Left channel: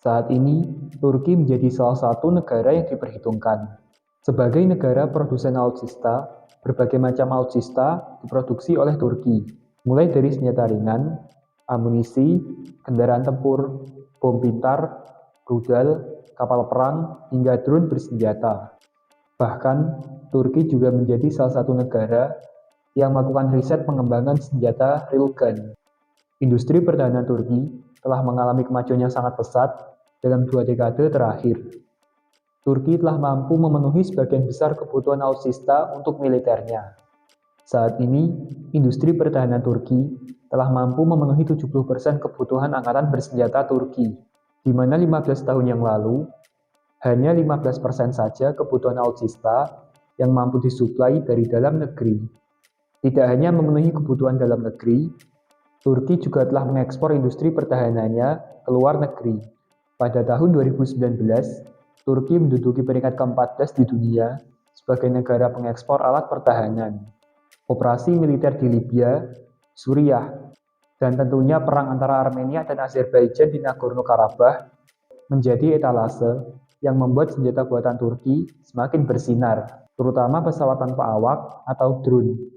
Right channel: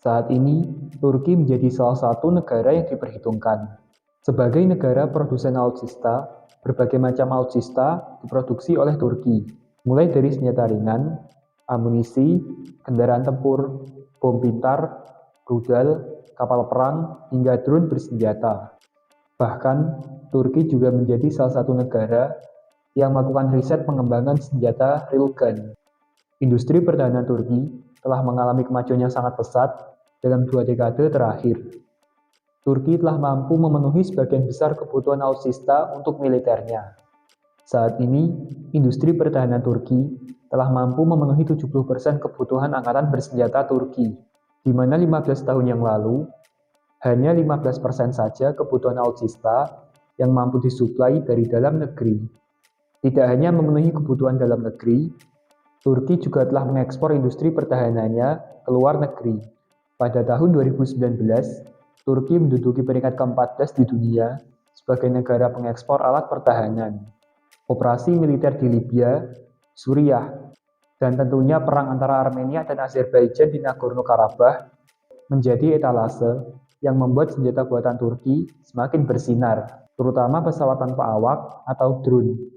Saat ini, Turki menjadi salah satu negara yang diperhitungkan. Sebagai negara produsen alutsista, berbagai macam alutsista diproduksi oleh Turki, mulai dari senjata ringan, amunisi, kendaraan tempur, bom pintar, rudal, kapal perang, hingga drone bersenjata. Bahkan, Turki juga menjadi salah satu negara yang melakukan riset pengembangan senjata railgun. Industri pertahanan Turki telah mengalami kemajuan yang sangat pesat dalam 2 dekade terakhir. Turki telah mampu memenuhi sebagian besar kebutuhan alutsista untuk militernya. Saat ini, industri pertahanan Turki telah mampu memenuhi 70% kebutuhan angkatan bersenjata Turki, di mana 15 tahun yang lalu, hanya 15% saja kebutuhan alutsista yang mampu disuplai dari dalam negeri. Tidak hanya memenuhi kebutuhan dalam negeri, Turki juga telah mengekspor industri pertahanannya ke luar negeri. Pada tahun 2019, Turki menduduki peringkat ke-14 di dunia sebagai negara pengekspor alat pertahanan. Operasi militer di Libya, Suriah, dan tentunya perang antara Armenia dan Azerbaijan di Nagorno-Karabakh menjadi etalase yang membuat senjata buatan Turki semakin bersinar, terutama pesawat tanpa awak atau drone.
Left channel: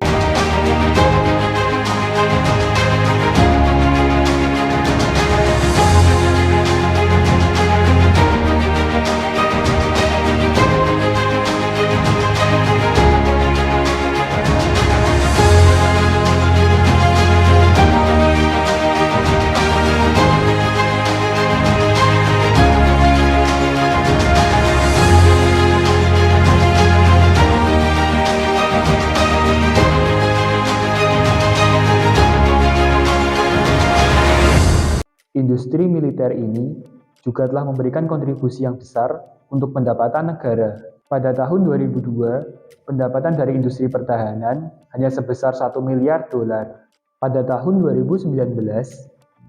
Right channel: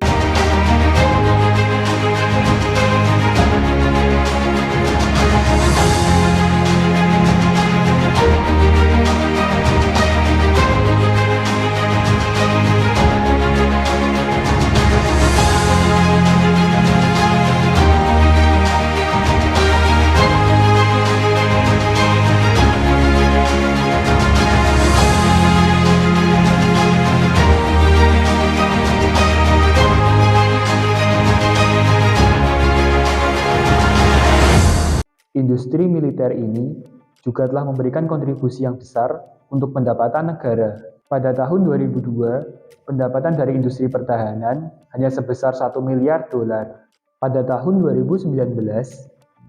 Industri militer ini juga telah memberikan kontribusi yang besar untuk pendapatan negara. Pada tahun 2002, pendapatan dari industri pertahanan hanya sebesar 1 miliar dolar. Pada tahun 2019,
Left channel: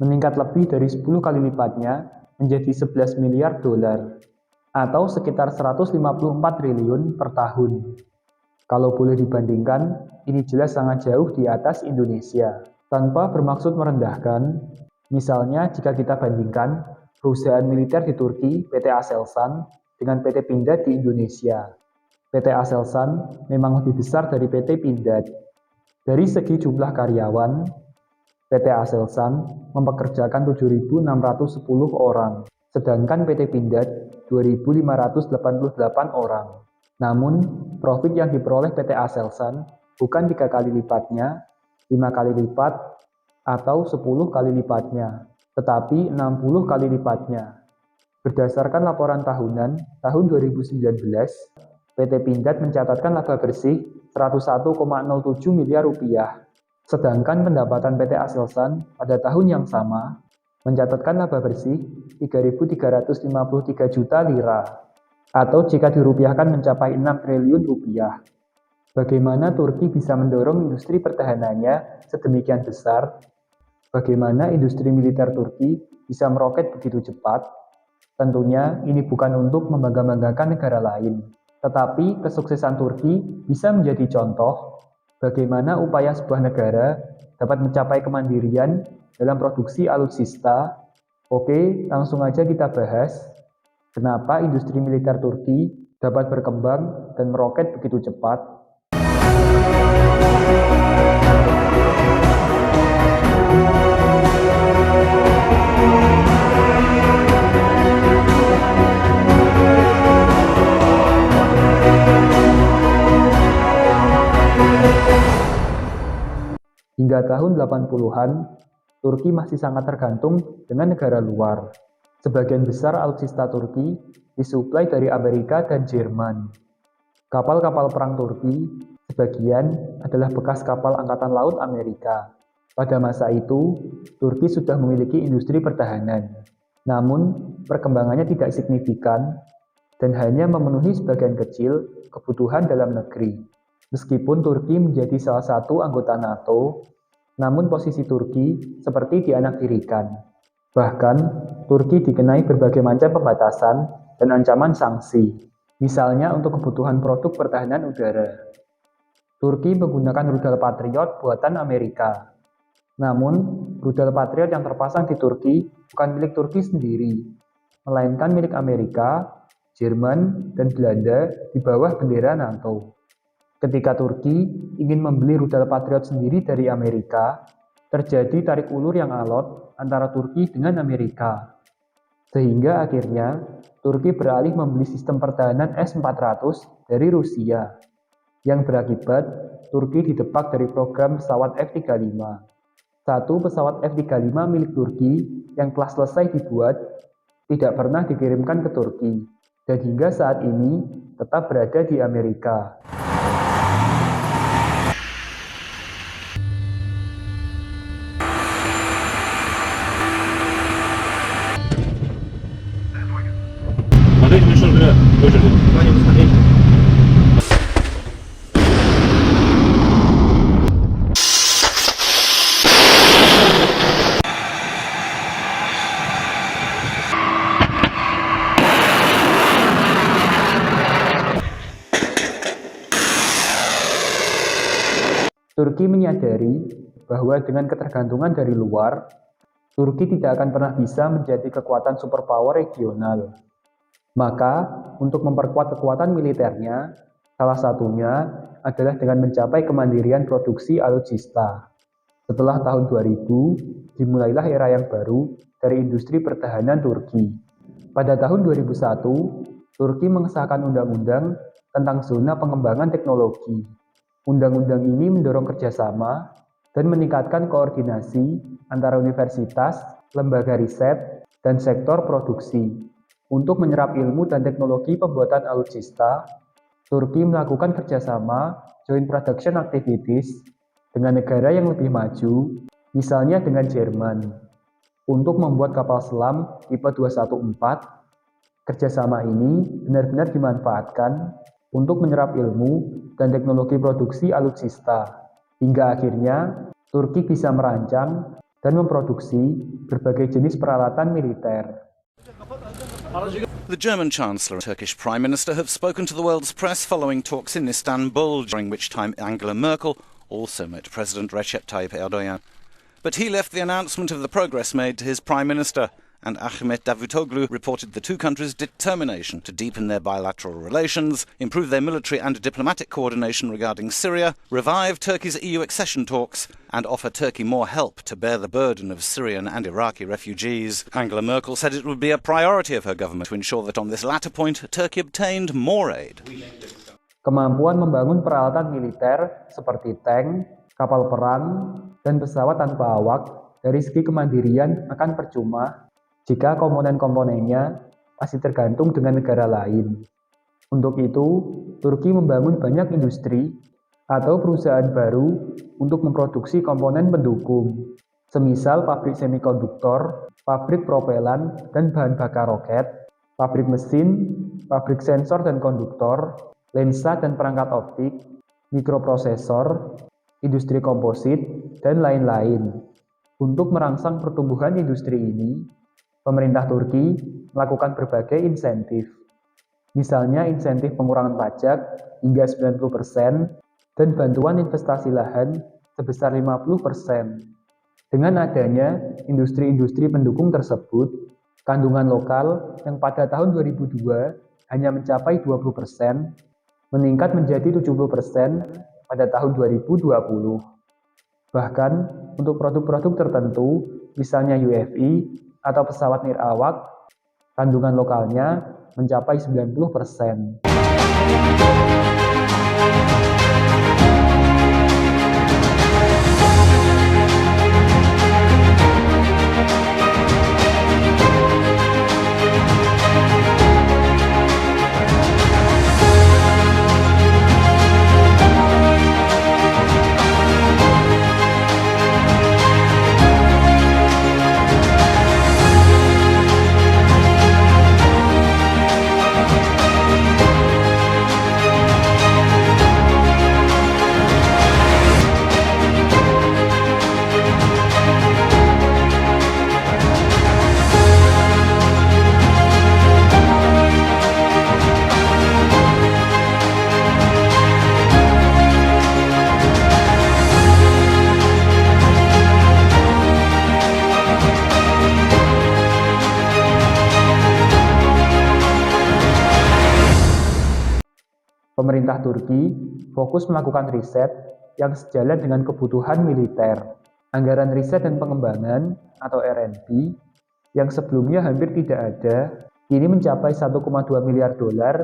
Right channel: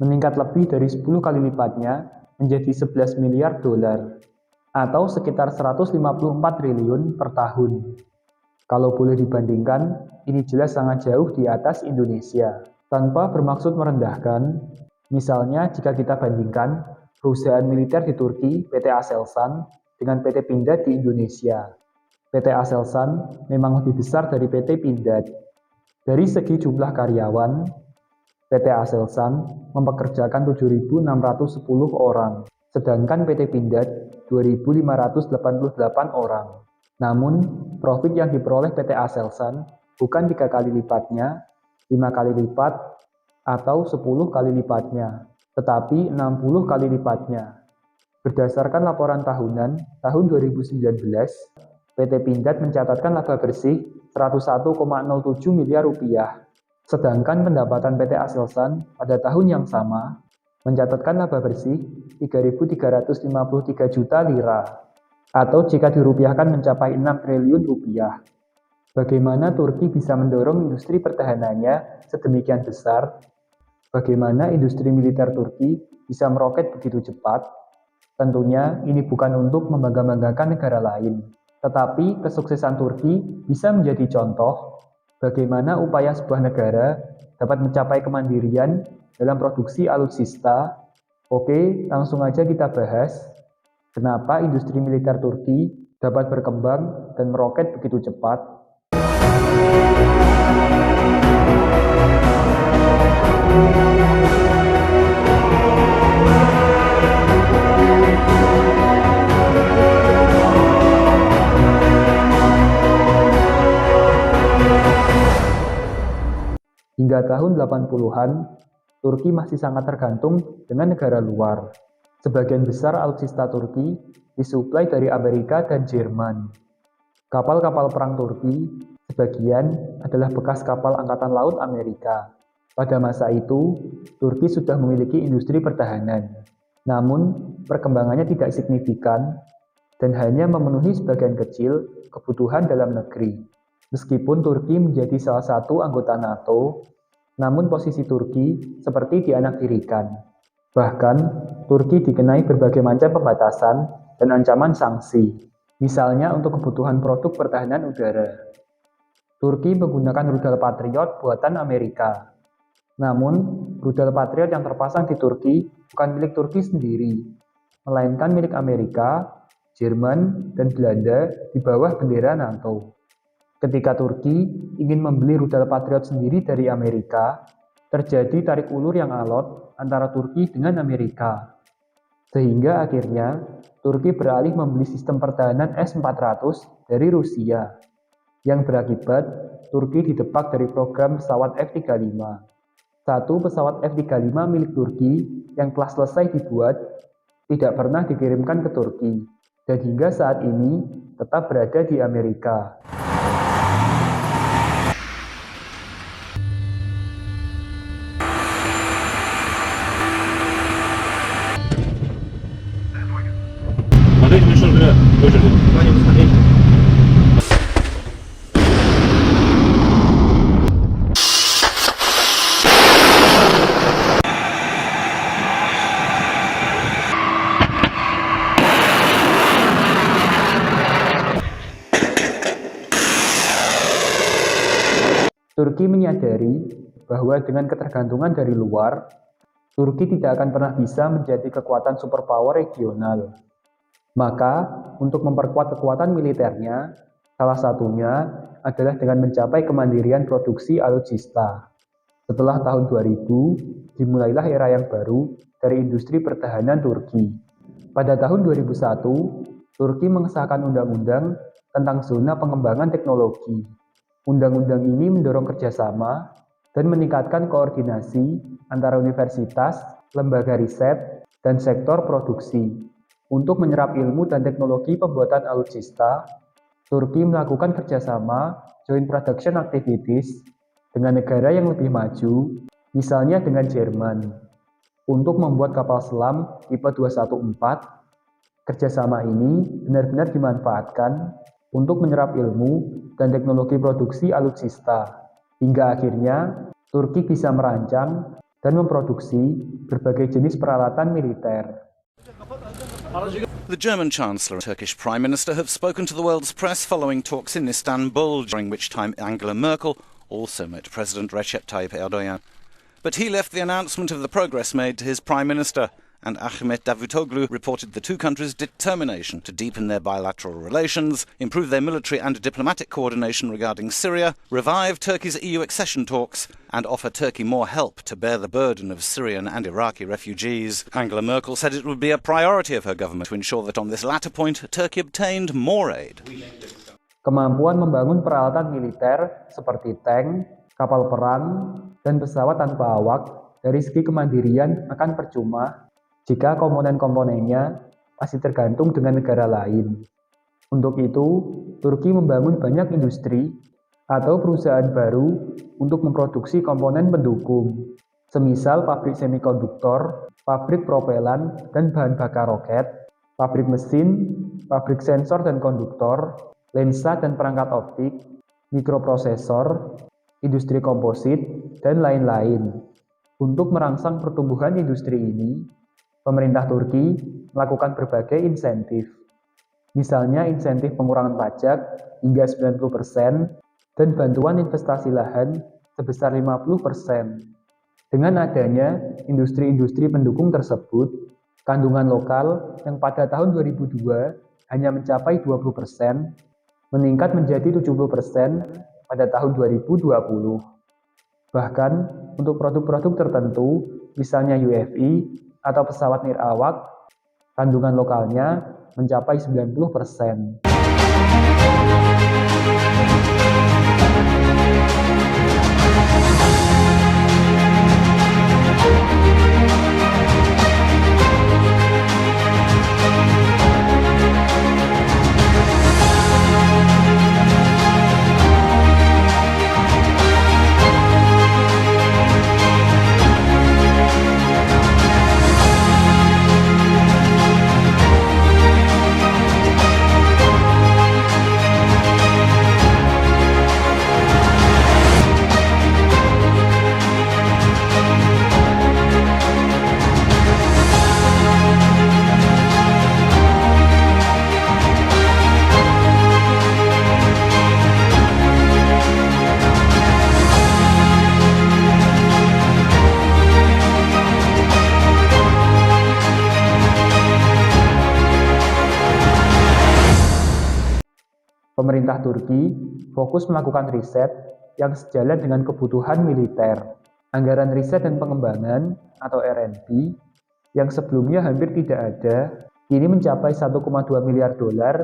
meningkat lebih dari 10 kali lipatnya menjadi 11 miliar dolar, atau sekitar 154 triliun per tahun. Kalau boleh dibandingkan, ini jelas sangat jauh di atas Indonesia. Tanpa bermaksud merendahkan, misalnya jika kita bandingkan perusahaan militer di Turki, PT Aselsan, dengan PT Pindad di Indonesia. PT Aselsan memang lebih besar dari PT Pindad. Dari segi jumlah karyawan, PT Aselsan mempekerjakan 7.610 orang, sedangkan PT Pindad 2.588 orang. Namun, profit yang diperoleh PT Aselsan bukan 3 kali lipatnya, 5 kali lipat, atau 10 kali lipatnya, tetapi 60 kali lipatnya. Berdasarkan laporan tahunan tahun 2019, PT Pindad mencatatkan laba bersih 101,07 miliar rupiah, sedangkan pendapatan PT Aselsan pada tahun yang sama mencatatkan laba bersih 3.353 juta lira, atau jika dirupiahkan mencapai 6 triliun rupiah. Bagaimana Turki bisa mendorong industri pertahanannya sedemikian besar? Bagaimana industri militer Turki bisa meroket begitu cepat? Tentunya ini bukan untuk membangga-banggakan negara lain, tetapi kesuksesan Turki bisa menjadi contoh bagaimana upaya sebuah negara dapat mencapai kemandirian dalam produksi alutsista. Oke, langsung aja kita bahas kenapa industri militer Turki dapat berkembang dan meroket begitu cepat. Hingga tahun 80-an, Turki masih sangat tergantung dengan negara luar. Sebagian besar alutsista Turki disuplai dari Amerika dan Jerman. Kapal-kapal perang Turki sebagian adalah bekas kapal Angkatan Laut Amerika. Pada masa itu, Turki sudah memiliki industri pertahanan. Namun, perkembangannya tidak signifikan dan hanya memenuhi sebagian kecil kebutuhan dalam negeri. Meskipun Turki menjadi salah satu anggota NATO, namun posisi Turki seperti dianaktirikan. Bahkan, Turki dikenai berbagai macam pembatasan dan ancaman sanksi, misalnya untuk kebutuhan produk pertahanan udara. Turki menggunakan rudal Patriot buatan Amerika. Namun, rudal Patriot yang terpasang di Turki bukan milik Turki sendiri. melainkan milik Amerika, Jerman, dan Belanda di bawah bendera NATO. Ketika Turki ingin membeli rudal Patriot sendiri dari Amerika, terjadi tarik ulur yang alot antara Turki dengan Amerika. Sehingga akhirnya Turki beralih membeli sistem pertahanan S-400 dari Rusia, yang berakibat Turki didepak dari program pesawat F-35. Satu pesawat F-35 milik Turki yang telah selesai dibuat tidak pernah dikirimkan ke Turki, dan hingga saat ini tetap berada di Amerika. Turki menyadari bahwa dengan ketergantungan dari luar, Turki tidak akan pernah bisa menjadi kekuatan superpower regional. Maka, untuk memperkuat kekuatan militernya, salah satunya adalah dengan mencapai kemandirian produksi alutsista. Setelah tahun 2000, dimulailah era yang baru dari industri pertahanan Turki. Pada tahun 2001, Turki mengesahkan undang-undang tentang zona pengembangan teknologi. Undang-undang ini mendorong kerjasama dan meningkatkan koordinasi antara universitas, lembaga riset, dan sektor produksi. Untuk menyerap ilmu dan teknologi pembuatan alutsista, Turki melakukan kerjasama joint production activities dengan negara yang lebih maju, misalnya dengan Jerman. Untuk membuat kapal selam tipe 214, kerjasama ini benar-benar dimanfaatkan untuk menyerap ilmu dan teknologi produksi alutsista, hingga akhirnya Turki bisa merancang dan memproduksi berbagai jenis peralatan militer. The German Chancellor and Turkish Prime Minister have spoken to the world's press following talks in Istanbul, during which time Angela Merkel also met President Recep Tayyip Erdogan. But he left the announcement of the progress made to his Prime Minister, and Ahmet Davutoglu reported the two countries' determination to deepen their bilateral relations, improve their military and diplomatic coordination regarding Syria, revive Turkey's EU accession talks, and offer Turkey more help to bear the burden of Syrian and Iraqi refugees. Angela Merkel said it would be a priority of her government to ensure that on this latter point, Turkey obtained more aid. Kemampuan membangun peralatan militer seperti tank, kapal perang, dan pesawat tanpa awak dari segi kemandirian akan percuma jika komponen-komponennya masih tergantung dengan negara lain. Untuk itu, Turki membangun banyak industri atau perusahaan baru untuk memproduksi komponen pendukung, semisal pabrik semikonduktor, pabrik propelan dan bahan bakar roket, pabrik mesin, pabrik sensor dan konduktor, lensa dan perangkat optik, mikroprosesor, industri komposit, dan lain-lain. Untuk merangsang pertumbuhan industri ini, pemerintah Turki melakukan berbagai insentif. Misalnya insentif pengurangan pajak hingga 90% dan bantuan investasi lahan sebesar 50%. Dengan adanya industri-industri pendukung tersebut, kandungan lokal yang pada tahun 2002 hanya mencapai 20%, meningkat menjadi 70% pada tahun 2020. Bahkan untuk produk-produk tertentu, misalnya UFI, atau pesawat nirawak, kandungan lokalnya mencapai 90%. Pemerintah Turki fokus melakukan riset yang sejalan dengan kebutuhan militer. Anggaran riset dan pengembangan atau R&D yang sebelumnya hampir tidak ada, kini mencapai 1,2 miliar dolar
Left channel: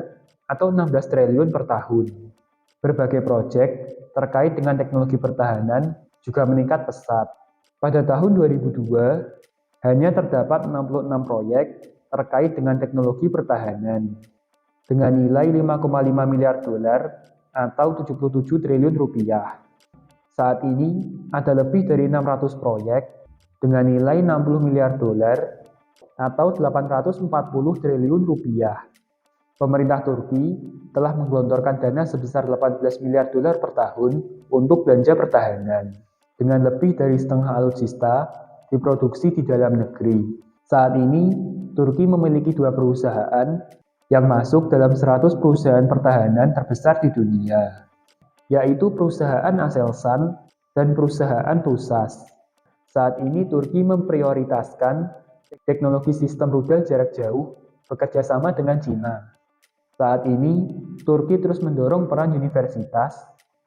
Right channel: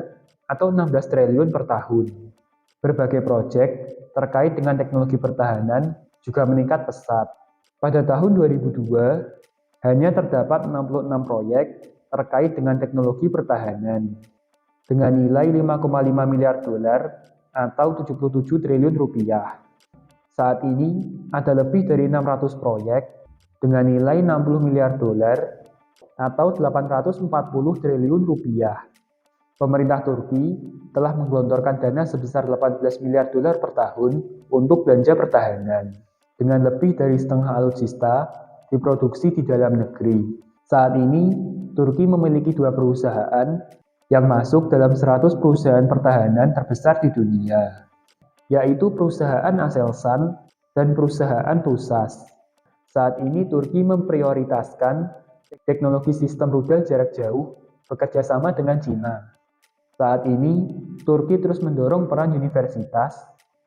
atau 16 triliun per tahun. Berbagai proyek terkait dengan teknologi pertahanan juga meningkat pesat. Pada tahun 2002, hanya terdapat 66 proyek terkait dengan teknologi pertahanan dengan nilai 5,5 miliar dolar atau 77 triliun rupiah. Saat ini ada lebih dari 600 proyek dengan nilai 60 miliar dolar atau 840 triliun rupiah. Pemerintah Turki telah menggelontorkan dana sebesar 18 miliar dolar per tahun untuk belanja pertahanan, dengan lebih dari setengah alutsista diproduksi di dalam negeri. Saat ini, Turki memiliki 2 perusahaan yang masuk dalam 100 perusahaan pertahanan terbesar di dunia, yaitu perusahaan Aselsan dan perusahaan TUSAS. Saat ini Turki memprioritaskan teknologi sistem rudal jarak jauh bekerja sama dengan Cina. Saat ini, Turki terus mendorong peran universitas,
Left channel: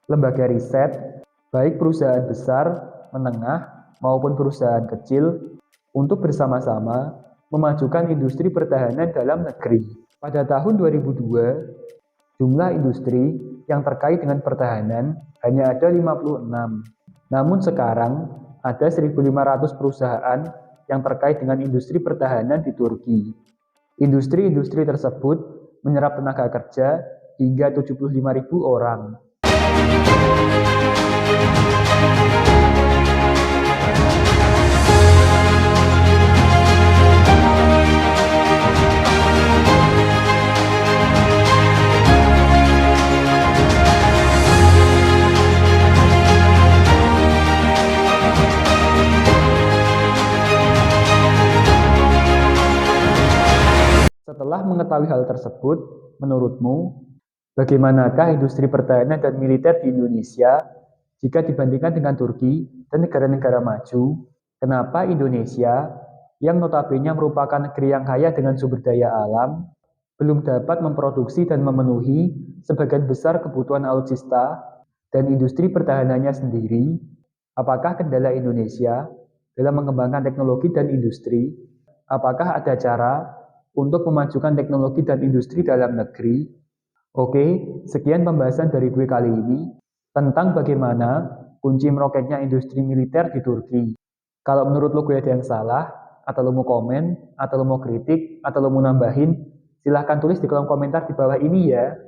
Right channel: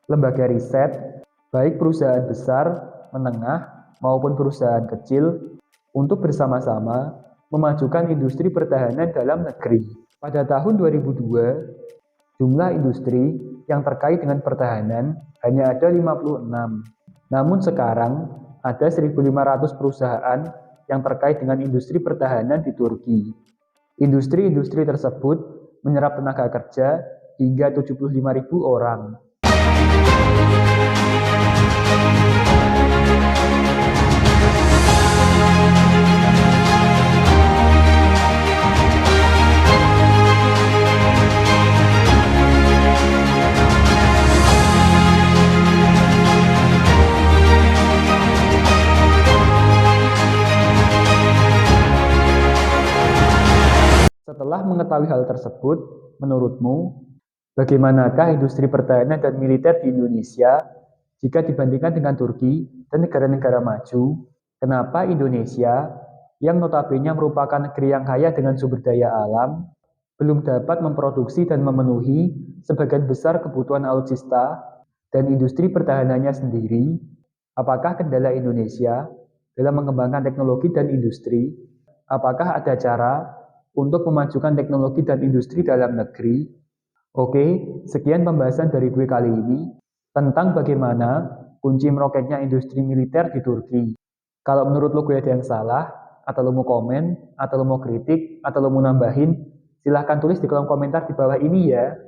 lembaga riset, baik perusahaan besar, menengah, maupun perusahaan kecil, untuk bersama-sama memajukan industri pertahanan dalam negeri. Pada tahun 2002, jumlah industri yang terkait dengan pertahanan hanya ada 56. Namun sekarang ada 1.500 perusahaan yang terkait dengan industri pertahanan di Turki. Industri-industri tersebut menyerap tenaga kerja hingga 75.000 orang. Setelah mengetahui hal tersebut, menurutmu, bagaimanakah industri pertahanan dan militer di Indonesia jika dibandingkan dengan Turki dan negara-negara maju? Kenapa Indonesia, yang notabene merupakan negeri yang kaya dengan sumber daya alam, belum dapat memproduksi dan memenuhi sebagian besar kebutuhan alutsista dan industri pertahanannya sendiri? Apakah kendala Indonesia dalam mengembangkan teknologi dan industri? Apakah ada cara untuk memajukan teknologi dan industri dalam negeri? Oke, sekian pembahasan dari gue kali ini tentang bagaimana kunci meroketnya industri militer di Turki. Kalau menurut lo gue ada yang salah, atau lo mau komen, atau lo mau kritik, atau lo mau nambahin, silahkan tulis di kolom komentar di bawah ini ya.